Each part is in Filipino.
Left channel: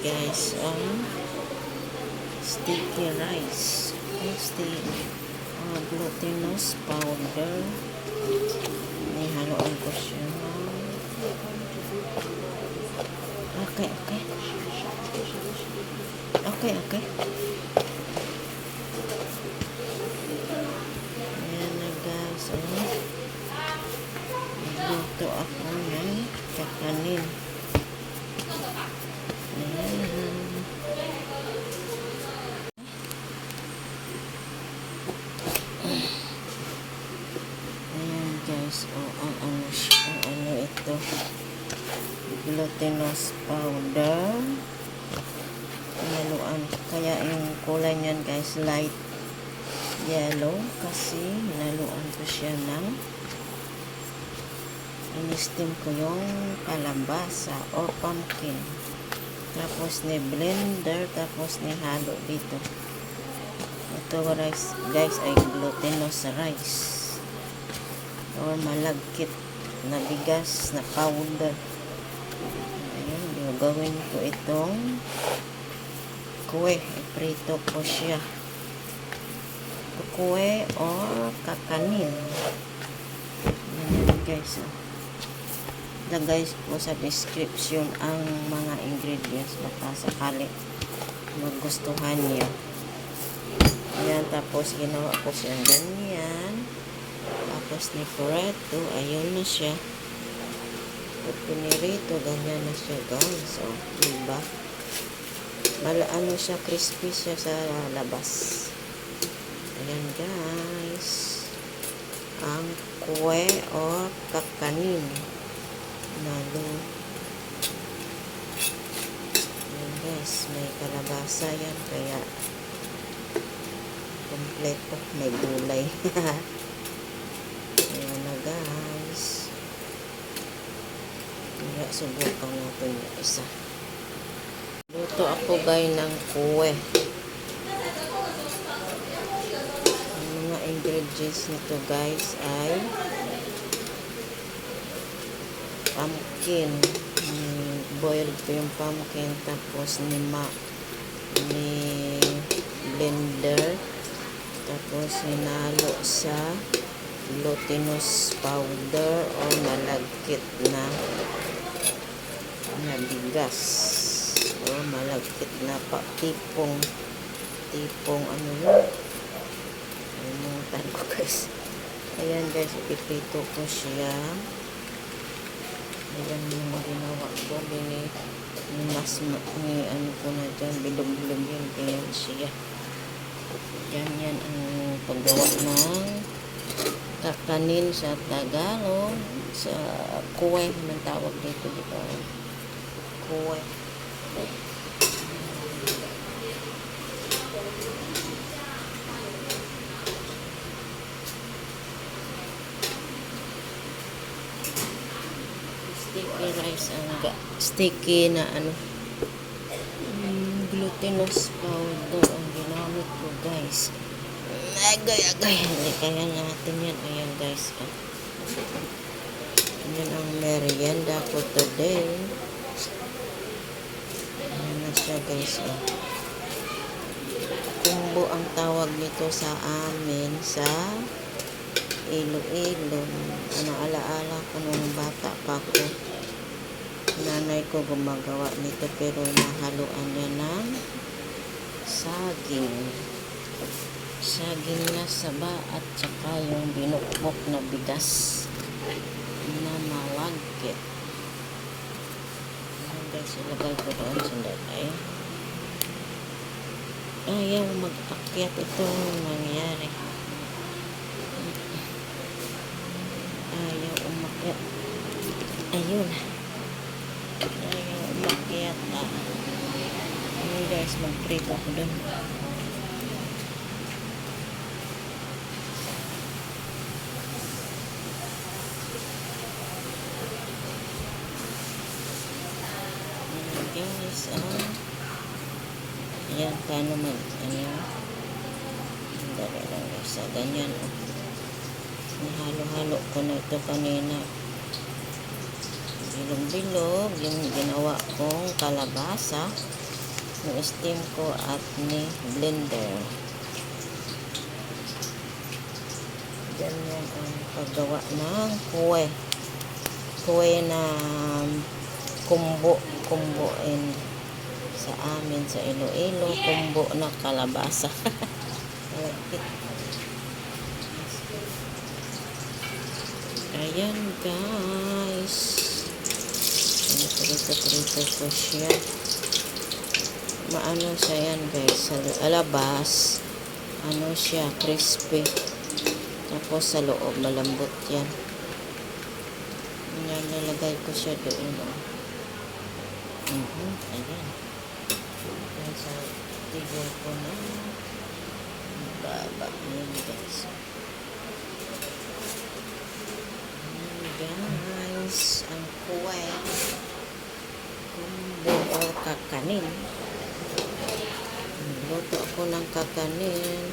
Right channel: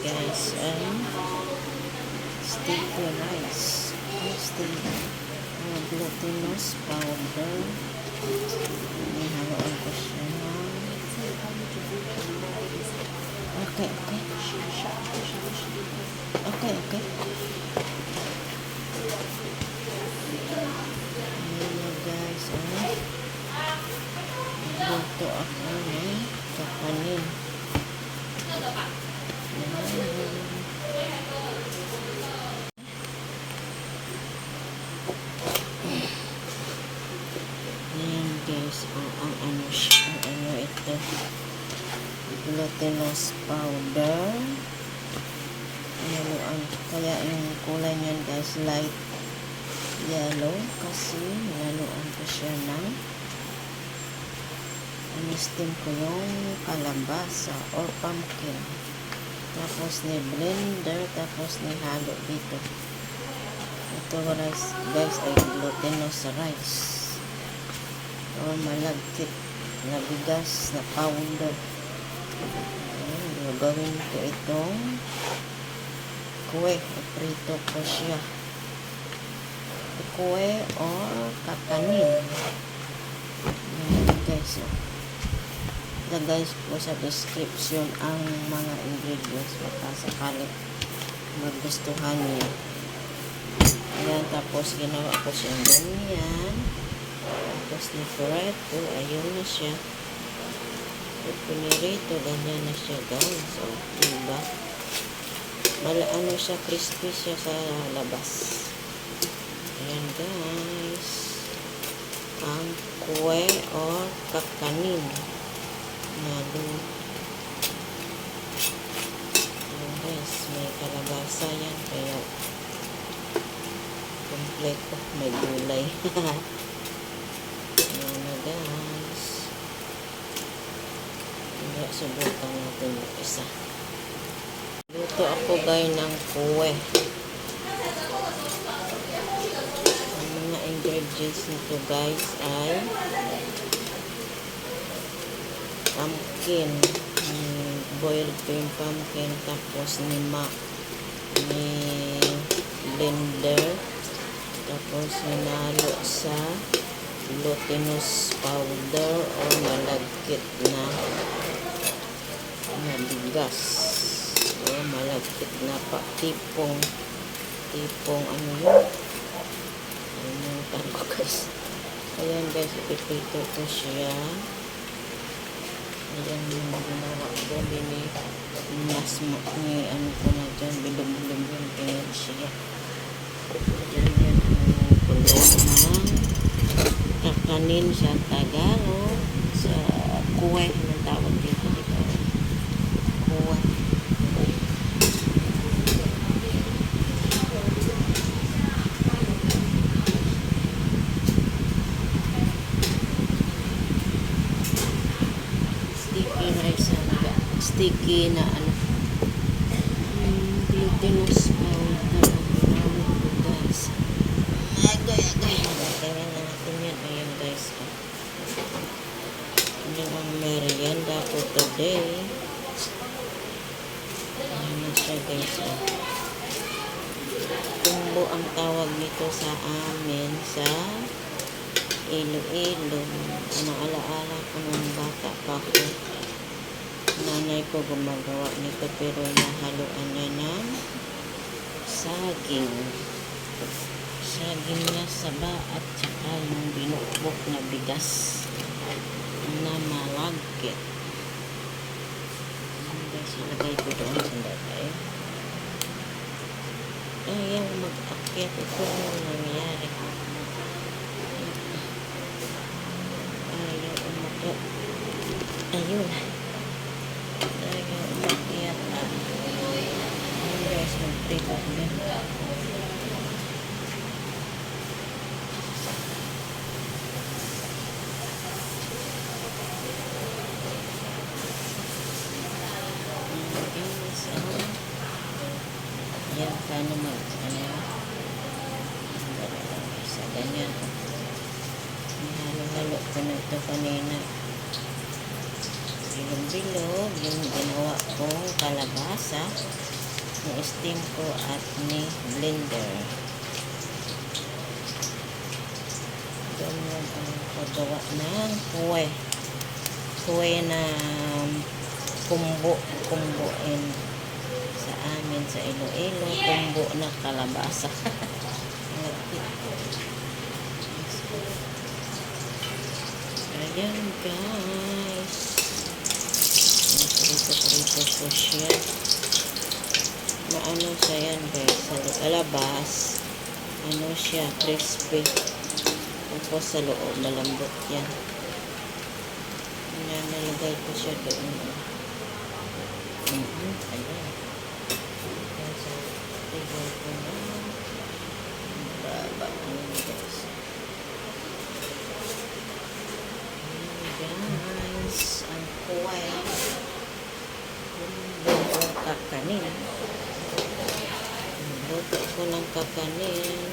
guys ang sticky rice. Glutinous powder. Haluan ko siya. Okay. Ayan na guys. Luto ako ng kakanin. Ayan guys, ang ano ito, glutinous powder. Haluan, kaya yung kulay niyan guys light yellow kasi haluan ko siya ng steam ko yung kalabasa or pumpkin, tapos ni blender, tapos ni halo dito. Ito rice guys ay glutinous rice o malagkit na bigas na powder. Ayan, gagawin ko itong kue. Prito ko siya. Kue o kakanin. Ayan guys. Guys po sa description ang mga ingredients, baka sakali magustuhan niyo. Ayan, tapos ginawa ko siyang ganyan. Tapos ni-prito, ayun na siya. Pinirito, ganyan na siya guys. O, diba? Ano siya, crispy siya sa labas. Ayan guys. Ang kue o kakanin. Ayan guys, may kalabasa yan, kaya kompleto, may gulay. Ayan na guys. Subukan natin yung isa. Luto ako guys ng kue. Ang mga ingredients nito guys ay pumpkin, boiled cream pumpkin, tapos ni blender, tapos hinalo sa glutinous powder o malagkit na bigas o malagkit na tipong ano yun, alimutan ko guys. Ayan guys, ipipito ko siya. Ayan yung ginawa ko din ano ko na dyan, bilog-bilog yun, ayan siya. Yan ang paggawa ng kakanin sa Tagalog, sa kue ang tawag dito, diba? Kue. Sticky rice, sticky na ano, glutinous powder ang ginamit ko guys. Agay. Kaya na natin yan. Ayan guys. Yan ang merienda ko today. Ayan na siya guys. Kumbo ang tawag nito sa amin sa Iloilo. Ano, alaala ko nung bata pa ko. Nanay ko gumagawa nito, pero nahaluan niya ng saging na saba at saka yung binukbok na bigas na malagkit. Guys, ilagay ko doon sandali. Ayaw mag-akyat ito yung nangyari. Ayaw umakyat. Ayun. Ayaw umakyat na. Ayun guys, mag-prito ko din. Ayan, paano sa ganyan. Nahalo-halo ko na ito kanina. bilog-bilog yung ginawa kong kalabasa. Ni-steam ko at ni-blender. Ganyan ang paggawa ng kuwe. Kuwe na kumbuin sa amin sa Iloilo. Kumbo na kalabasa. Ayan guys. Prito-prito ko siya. Maano siya yan guys. Sa alabas. Ano siya. Crispy. Tapos sa loob. Malambot yan. Nalagay ko siya doon. Ayan. Sa table ko na. Baba yun guys. Guys, ang kuway kumbo o kakanin. Luto ko ng kakanin,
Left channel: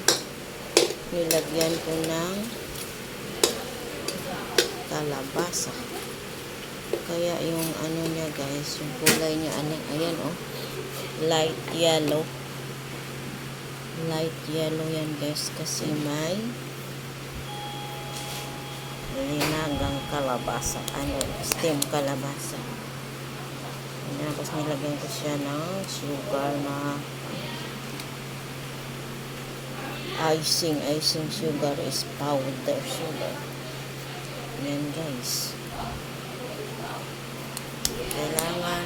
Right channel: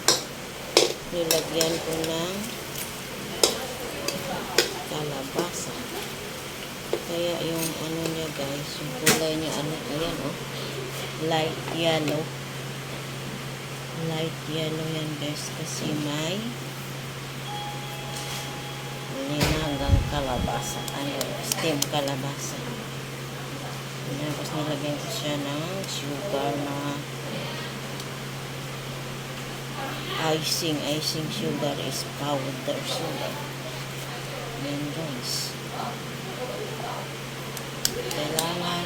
nilagyan ko ng kalabasa. Kaya yung ano niya guys, yung kulay niya, ayan light yellow. Light yellow yan guys, kasi may hinagang kalabasa, steam kalabasa. Tapos nilagyan ko siya ng sugar na icing sugar is powder sugar. Yan guys. Kailangan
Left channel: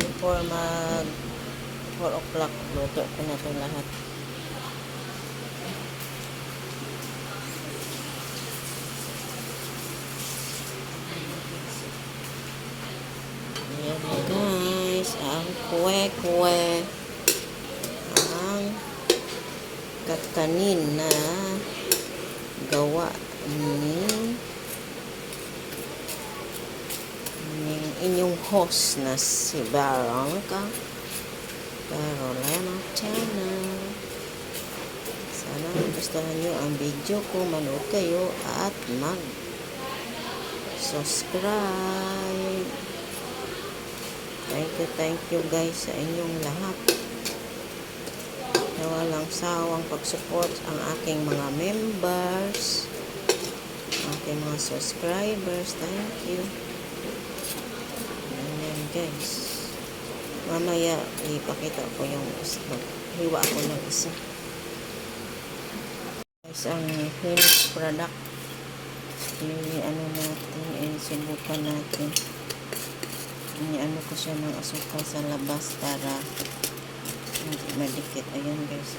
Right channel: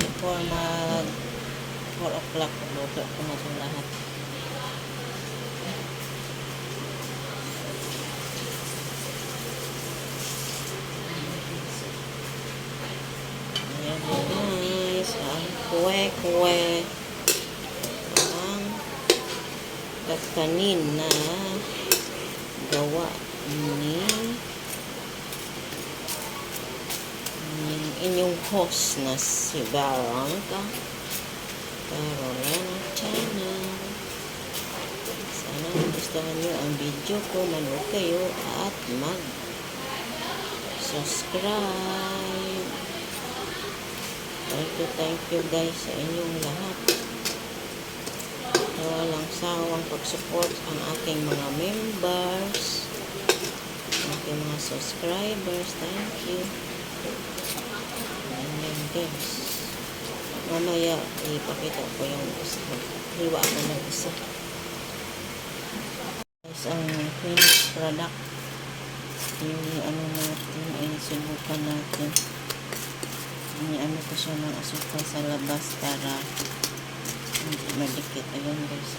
before 4 o'clock, luto ko na ito lahat. Guys, ang kuwe ang kakanin na gawa ni inyong host na si Barangka Carolina Channel. Sana gustuhan nyo ang video ko, manood kayo at mag-subscribe. Thank you guys sa inyong lahat. Walang sawang pag-support ang aking mga members, aking mga subscribers. Thank you. Ayan guys. Mamaya ipakita ko yung isa. Hiwa ako ng isa. Guys, ang finished product. Yung natin, sinubukan natin. Iniano ko siya ng asukal sa labas para hindi madikit. Ayan guys.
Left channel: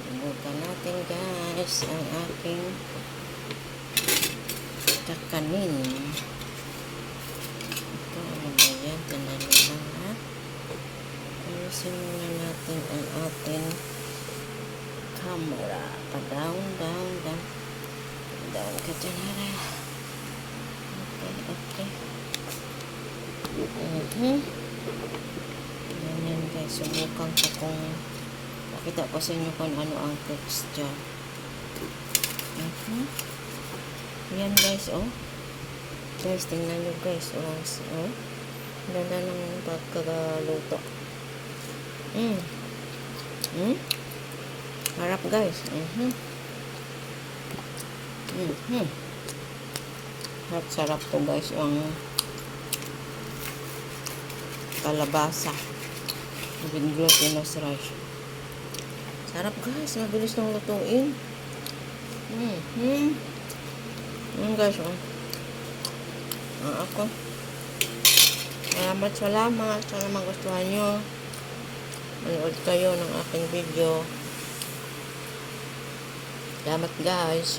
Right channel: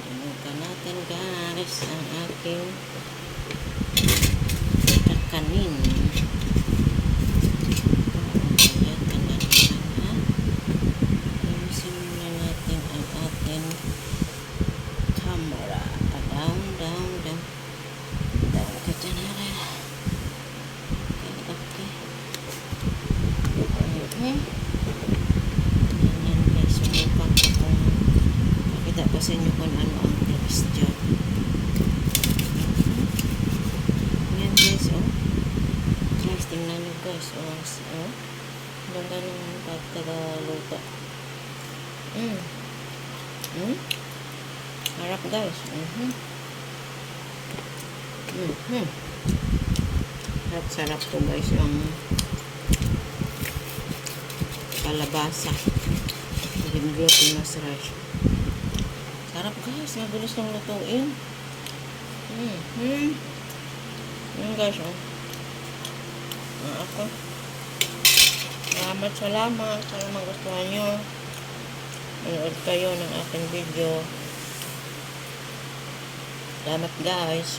Sinubukan natin guys ang aking kakanin. Ayan, kanina na. Sinubukan natin ang ating camera. Pa-down, down, down. Down ka dyan, hara. Yan guys, sumukang ko kung pakita ko sa inyo kung ano ang texture. Yan guys, guys, tingnan nyo guys, ganda ng pagkagaluto. Harap guys. Sarap to guys ang kalabasa with glutinous rice. Sarap guys, mabilis nang lutuin. Yan guys, ako. Salamat sa mga gustuhan nyo. Manood kayo ng aking video. Salamat guys.